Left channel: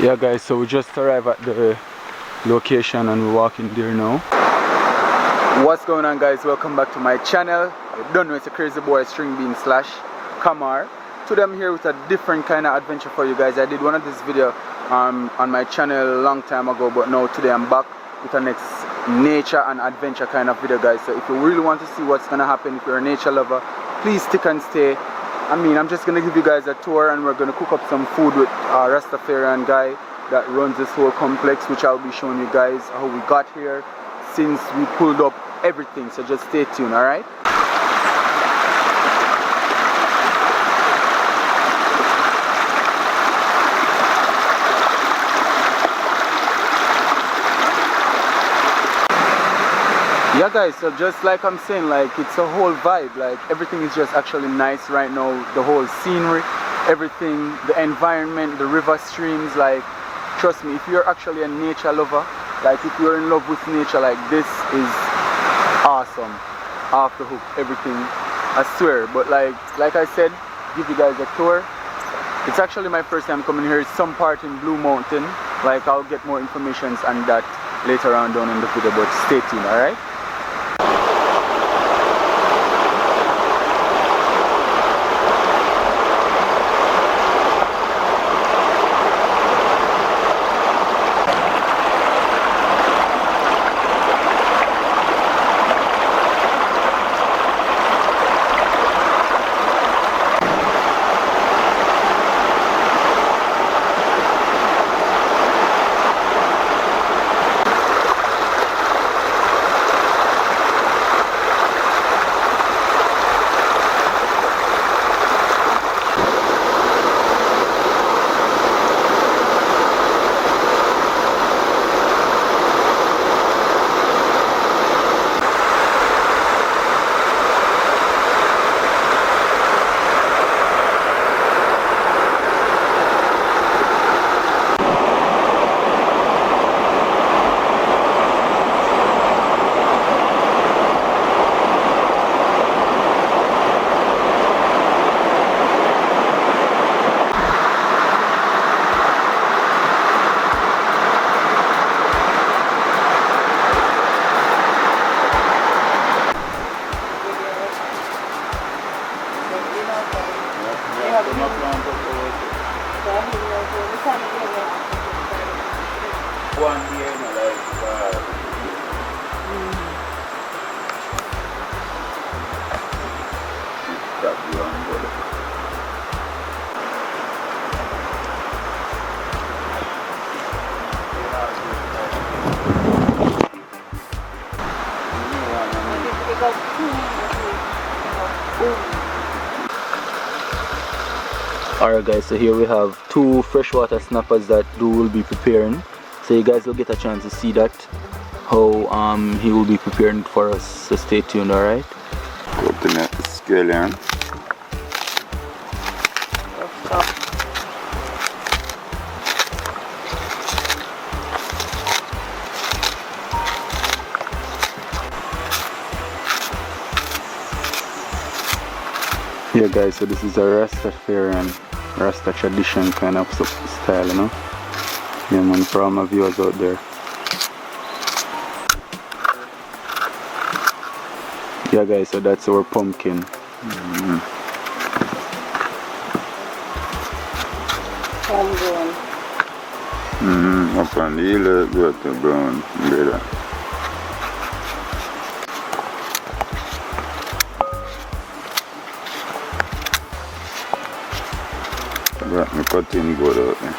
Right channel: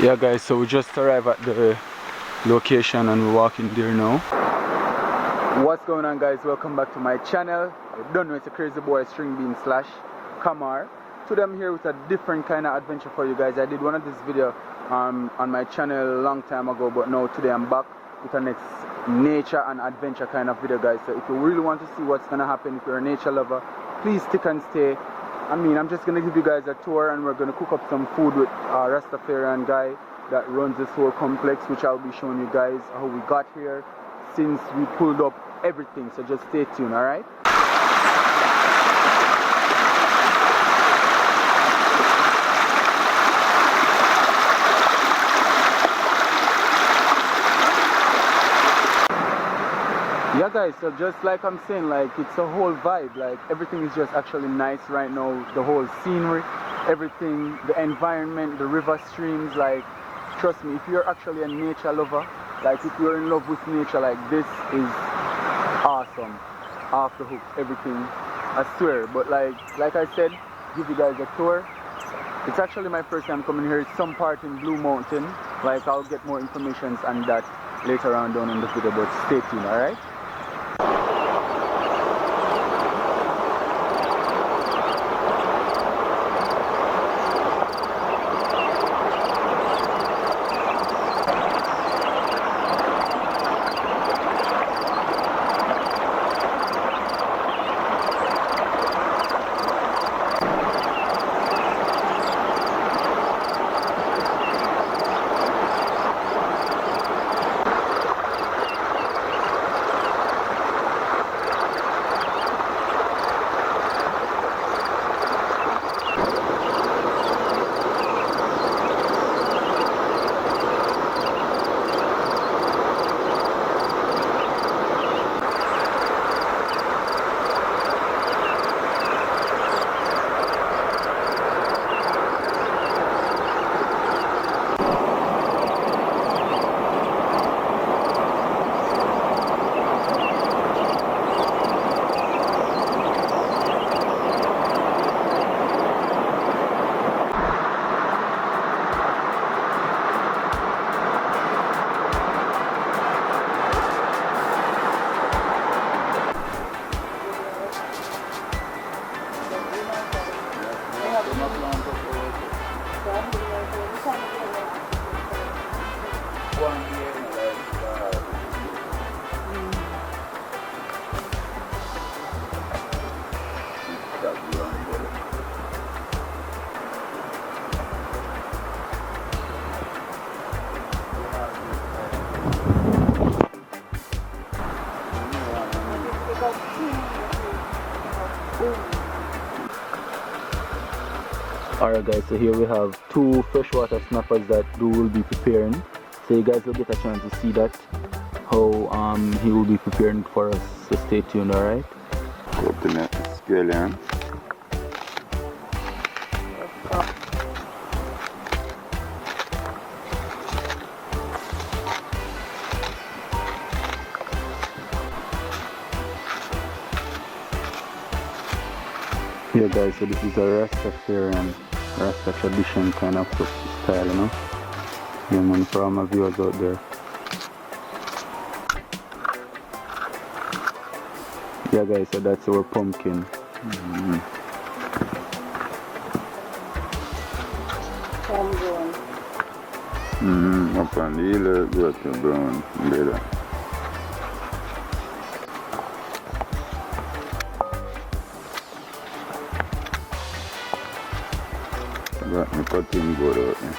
Yeah guys, so we just arrived at the location and we're walking there now. What's going on guys, welcome back to my channel. You don't know, it's a crazy boy string bean slash Kamar. Today I'm here with a different kind of adventure for you guys. I did one of this video on my channel a long time ago, but now today I'm back with a next nature and adventure kind of video guys. So if you really want to see what's gonna happen, if you're a nature lover, please stick and stay. I'm just gonna give you guys a tour and we're gonna cook up some food with a Rastafarian guy that runs this whole complex, which I'll be showing you guys how we got here since we pulled up everything. So just stay tuned, alright? Yeah guys, so just like I'm saying, like it's a whole vibe, like everything is just actually nice right now. The whole scenery, everything, the environment, the river streams, like trust me, if you're actually a nature lover, like if you're in love with nature, like this is awesome. Off the hook, everything, I swear. But like I said, give you guys a tour. It's actually my first time coming here. It's some part in Blue Mountain. Like I'll get more information on that later on down in the video, but stay tuned, alright? Alright guys, so here we have two freshwater snappers that Doo will be preparing. So you guys will get a chance to see that, how he will be preparing for us, so stay tuned, alright? Open up the scallion. Yeah guys, so this is a Rastafarian, Rasta tradition kind of style, you know? Yeah man, for all my viewers out there. Yeah guys, so that's our pumpkin. Up on the hill, go to ground, brother. Got my cutting board out there.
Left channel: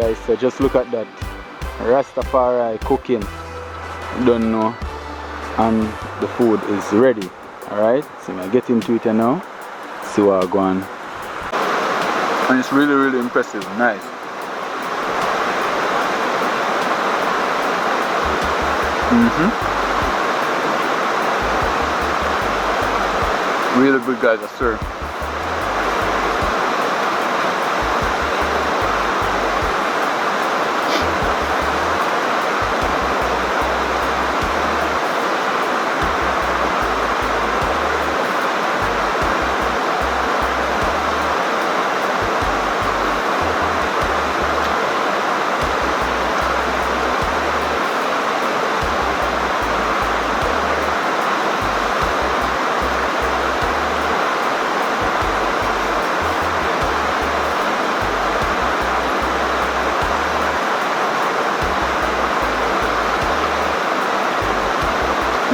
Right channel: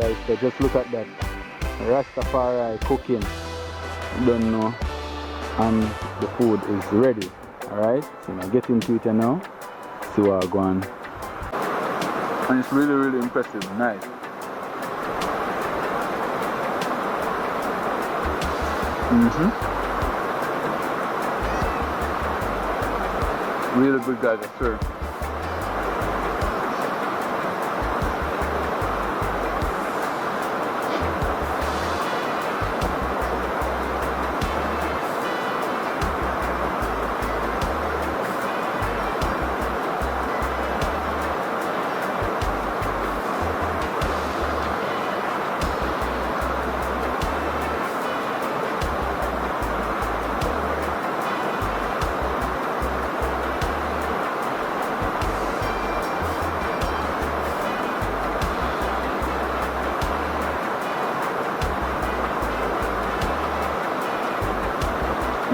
guys, so just look at that. Rastafari cooking. You don't know. And the food is ready. Alright, so I get into it now. See what I go on. And it's really, really impressive. Nice. Really good, guys, I swear.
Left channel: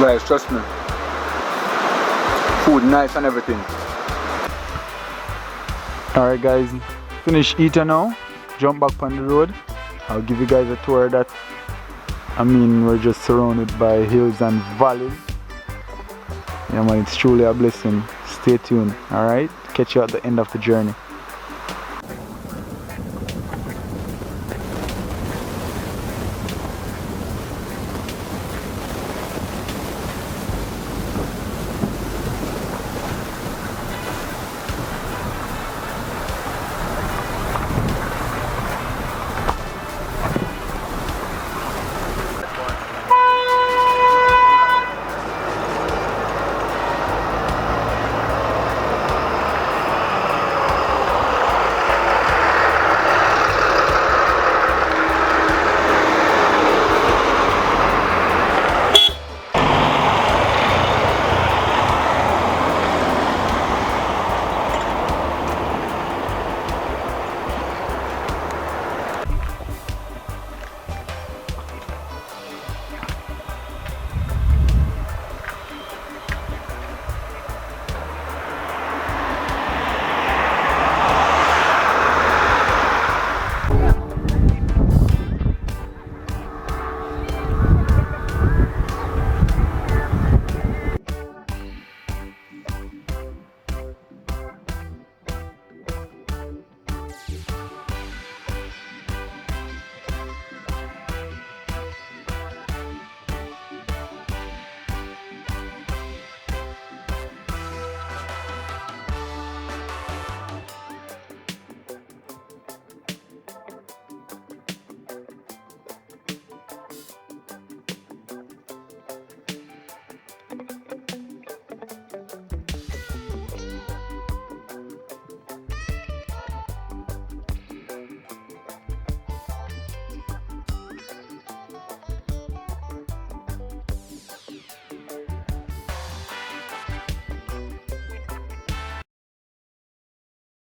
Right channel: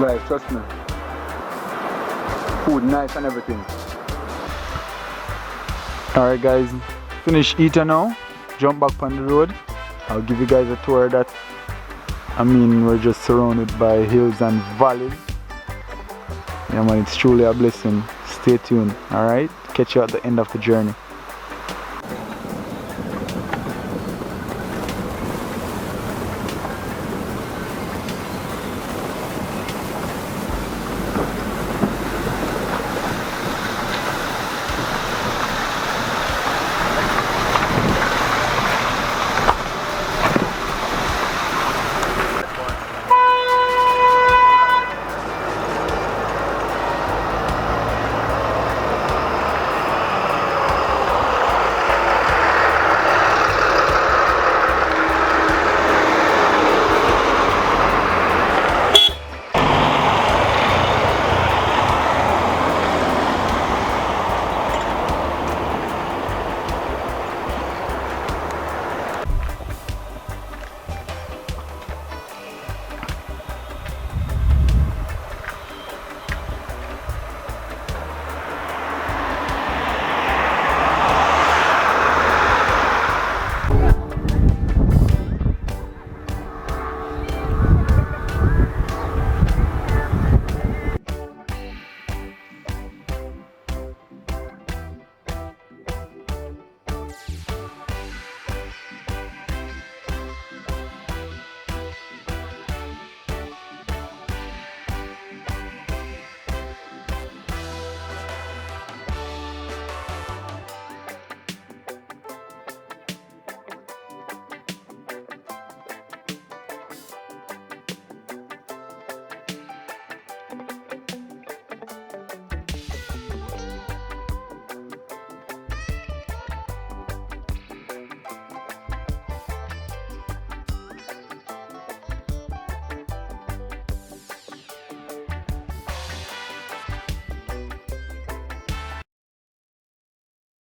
Guys, trust me. Food nice and everything. Alright guys, finish eating now. Jump back on the road. I'll give you guys a tour of that. I mean, we're just surrounded by hills and valleys. Yeah man, it's truly a blessing. Stay tuned, alright? Catch you at the end of the journey.